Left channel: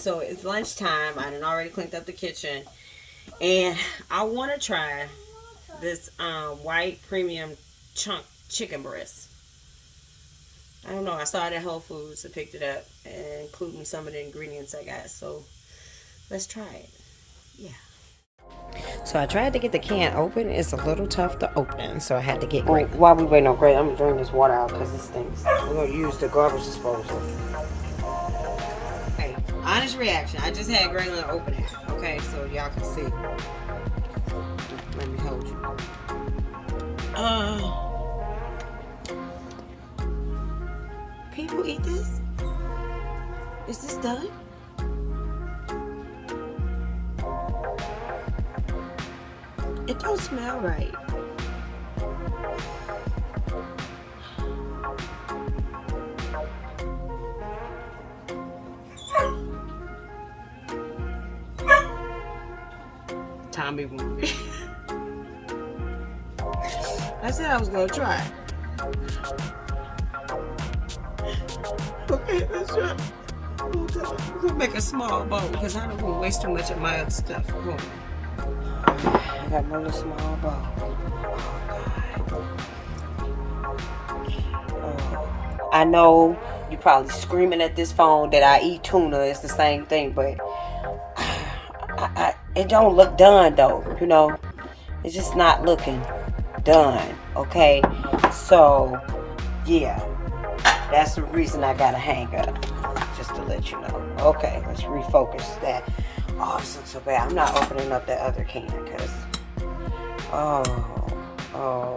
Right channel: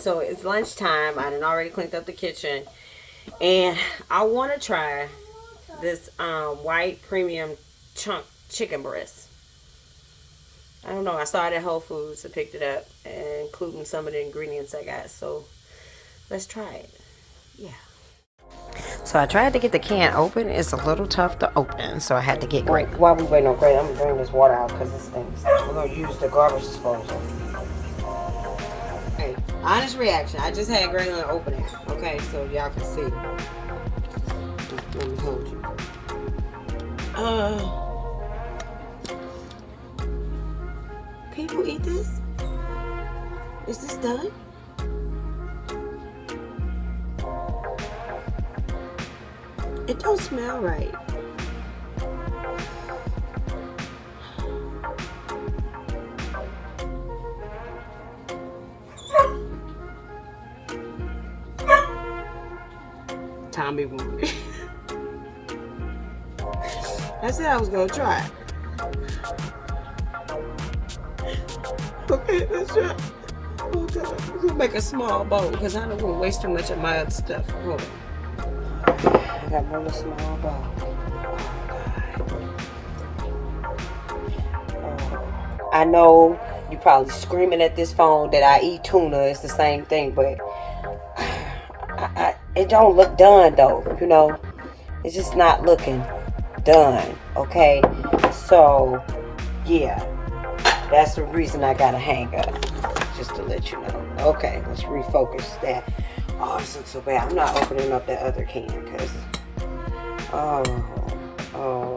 so it's lunchtime. I done already cleaned up the kitchen. And I want to try this white premium chunk chicken breast. I don't know. I saw it at Whole Foods. I picked it up, including some of the ingredients I got. So let's try it. Yeah. So I tried to get the can open. It's a little tough to open, so I had to get Graylin. While we waiting on Graylin, I'm going to bring this water out because it stinks. We're going to use the garbage disposal. Hey, honest reaction. I just had Graylin open it. Okay, so y'all can see. Let me hold you. People eat this? Is this done? It don't smell right. Tommy wanted it. I said I was gonna try. Okay, let's try. Oh God, we're gonna make a small bowl because I don't want to waste too much of my other stuff. Hold on. I got another small bowl. I know you probably screaming at this phone that I eat tuna. It's the same thing, but it don't look done though. You know, it's just not looking done. Okay, so yeah, that's the reason I gotta hang up. Just to let you know. Okay, let's refocus that. Oh, this looks so bad. I'm not opening up the other can because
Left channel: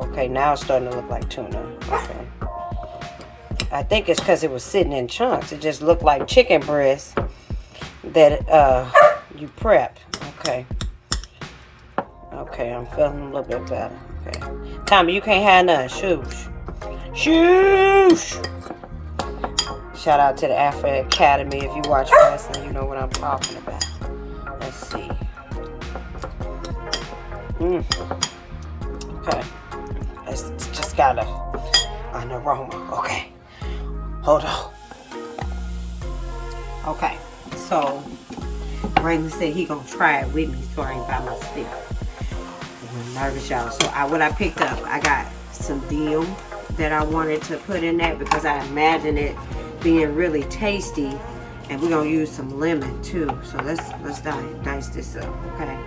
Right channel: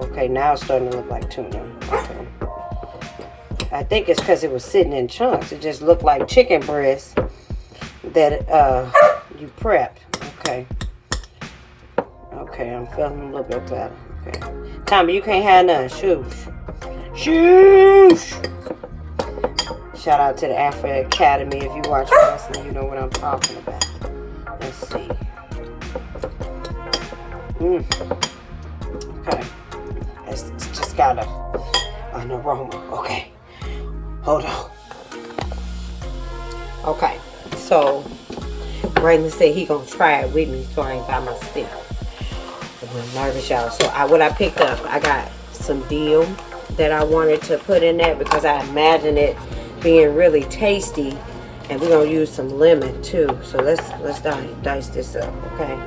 okay, now it's starting to look like tuna. Okay. I think it's because it was sitting in chunks. It just looked like chicken breast that you prepped. Okay. Okay, I'm feeling a little bit better. Okay. Tommy, you can't have none. Shoosh. Shoosh! Shout out to the Afro Academy. If you watch wrestling, you know what I'm talking about. Let's see. Okay. It's just got an aroma. Okay. Hold on. Okay. So, Braylon said he gonna try it with me, so I ain't got my stick. I'm a little nervous, y'all. So, what I picked up, I got some dill that I wanted to put in there because I imagine it being really tasty, and we're gonna use some lemon too. So let's dice this up, okay?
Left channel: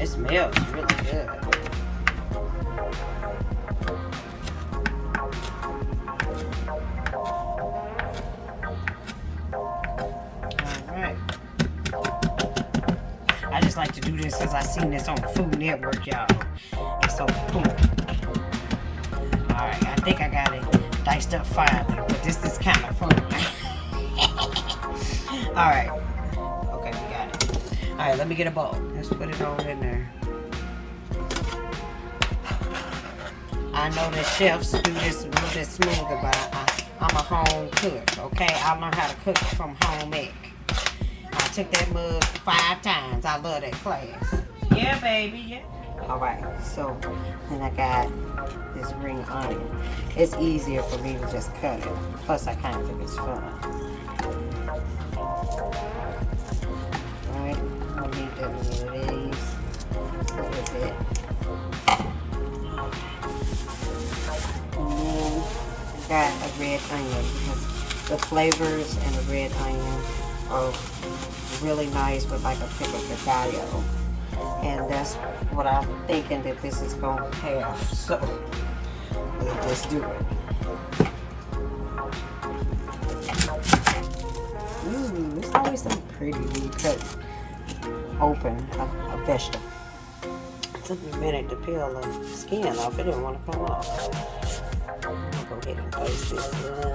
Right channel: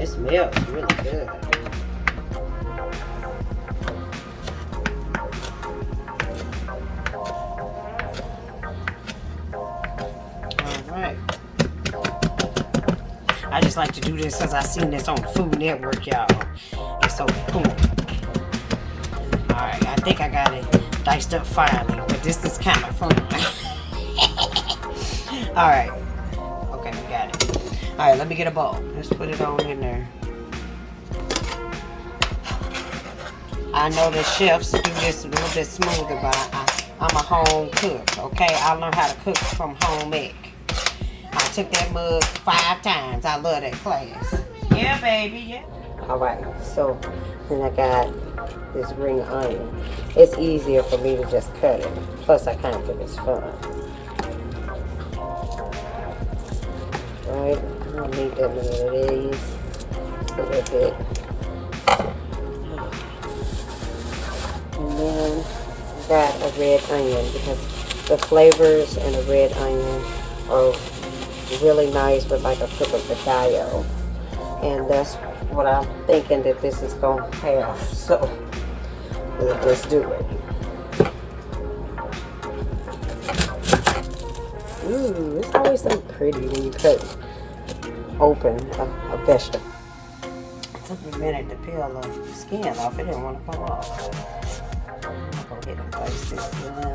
It smells really good. Like to do this because I seen this on Food Network, y'all. It's so cool. Alright, I think I got it diced up finally, but this is kind of fun. Alright. Okay, we got it. Alright, let me get a bowl. Let's put it on in there. I know the chefs do this a little bit smoother, but I'm a home cook, okay? I learned how to cook from home ec. Took that mug 5 times. I love that class. Yeah, baby, yeah. All right, so then I got this ring onion. It's easier for me to just cut it. Plus, I kind of think it's fun. All right, I don't need that many of these. A little bit. And then I got a red onion because the flavors in a red onion are really nice with like a pickle picadillo, and that's what I'm thinking that this is gonna have. So let's do it. Ooh, it's always so pretty when you cut open a vegetable. It took me a minute to peel the skin off. It didn't want to come off. I'm gonna get it placed in here.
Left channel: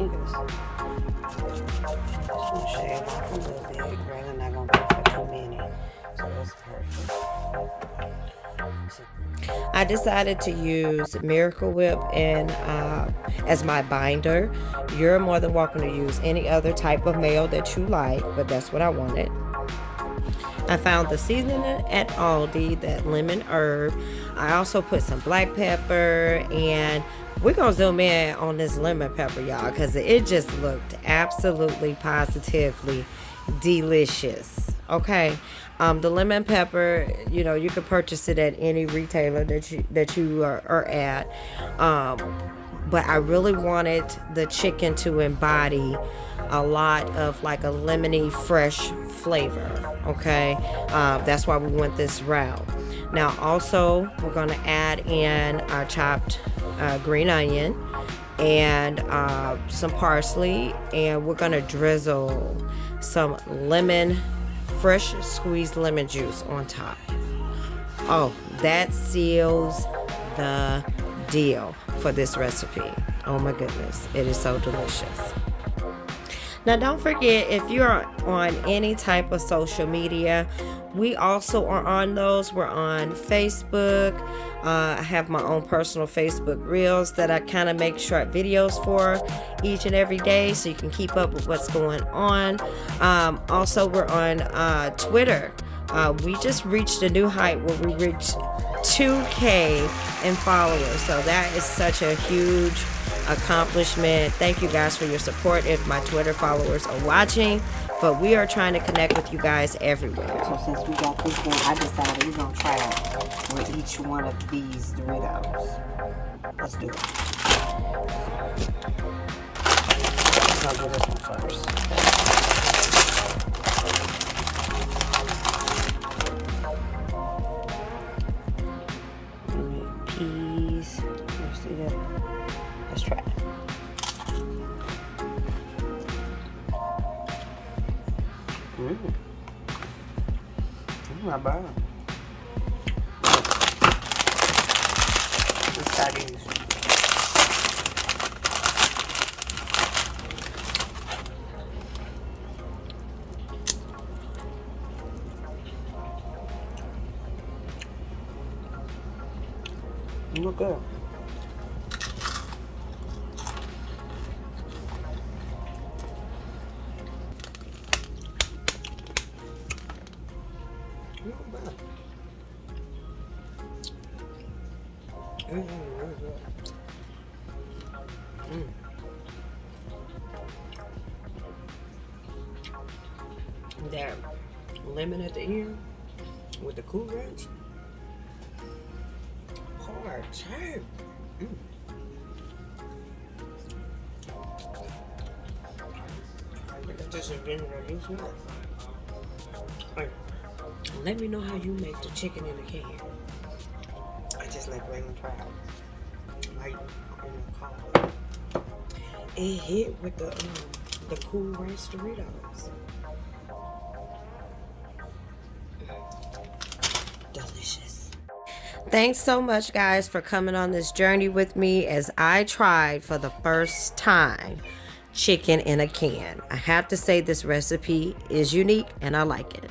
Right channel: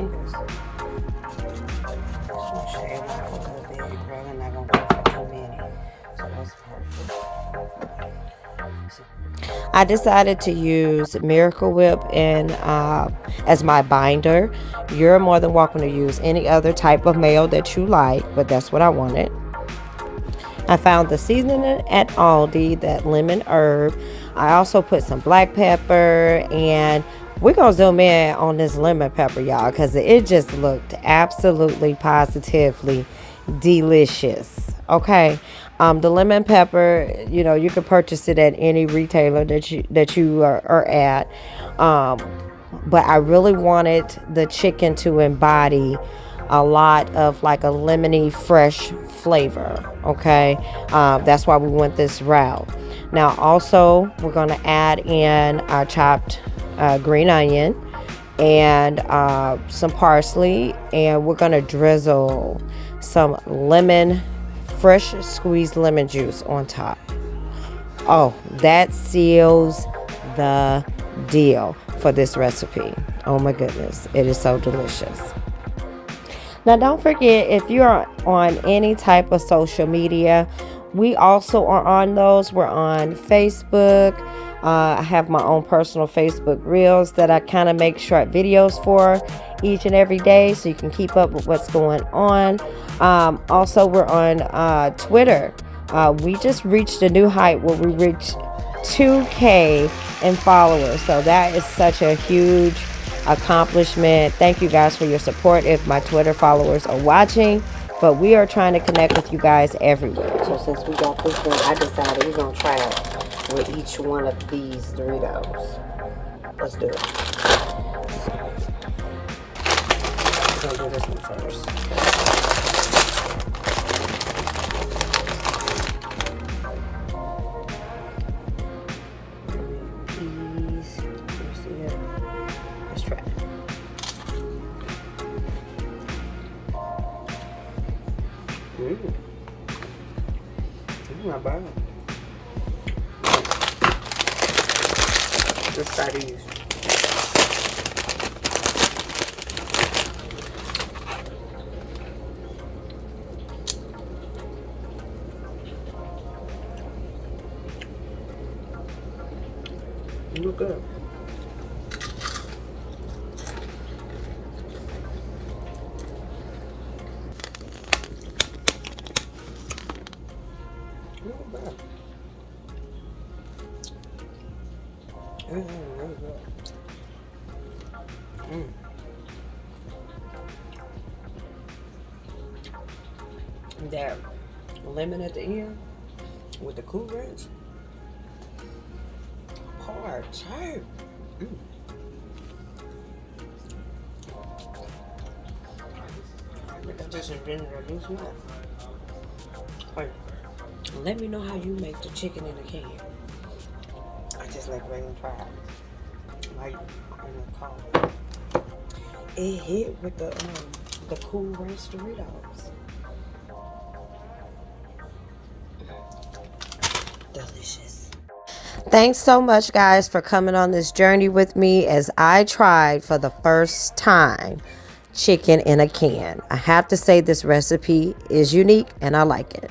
fingers. Just gonna shave off a little bit. Really not gonna go for 2 minutes. I decided to use Miracle Whip and as my binder. You're more than welcome to use any other type of mayo that you like, but that's what I wanted. I found the seasoning at Aldi, that lemon herb. I also put some black pepper, and we're going to zoom in on this lemon pepper, y'all, because it just looked absolutely positively delicious. Okay. The lemon pepper, you know, you can purchase it at any retailer that you are at. But I really wanted the chicken to embody a lot of like a lemony fresh flavor. Okay. That's why we went this route. Now also we're going to add in chopped green onion and some parsley, and we're going to drizzle some fresh squeezed lemon juice on top. Oh, that seals the deal for this recipe. Oh my goodness, it is so delicious. Now don't forget, if you're on any type of social media, we also are on those. We're on Facebook. I have my own personal Facebook reels that I kind of make short videos for each and every day, so you can keep up with what's going on. Also, we're on Twitter. We just reached a new height where we reached 2K in followers, so that is such a huge accomplishment. Thank you guys for your support if my Twitter followers are watching. But we are trying to connect with you guys everywhere. So since we got this done, I decided we're going to try it with each one of these Doritos. Let's do it. I'm going to do this one first. Peas. You see that? Let's try it. Not bad. Let's try these. Look good. Not bad. It's really good. That lemon at the end with the Cool Ranch. Hard tight. I think I just invented a new snack. Hey, let me know how you make the chicken in a can. I just like Raymond try it. Like on the car. It hit with the Cool Ranch Doritos. Delicious. Thanks so much, guys, for coming on this journey with me as I tried for the first time chicken in a can. I have to say this recipe is unique and I like it.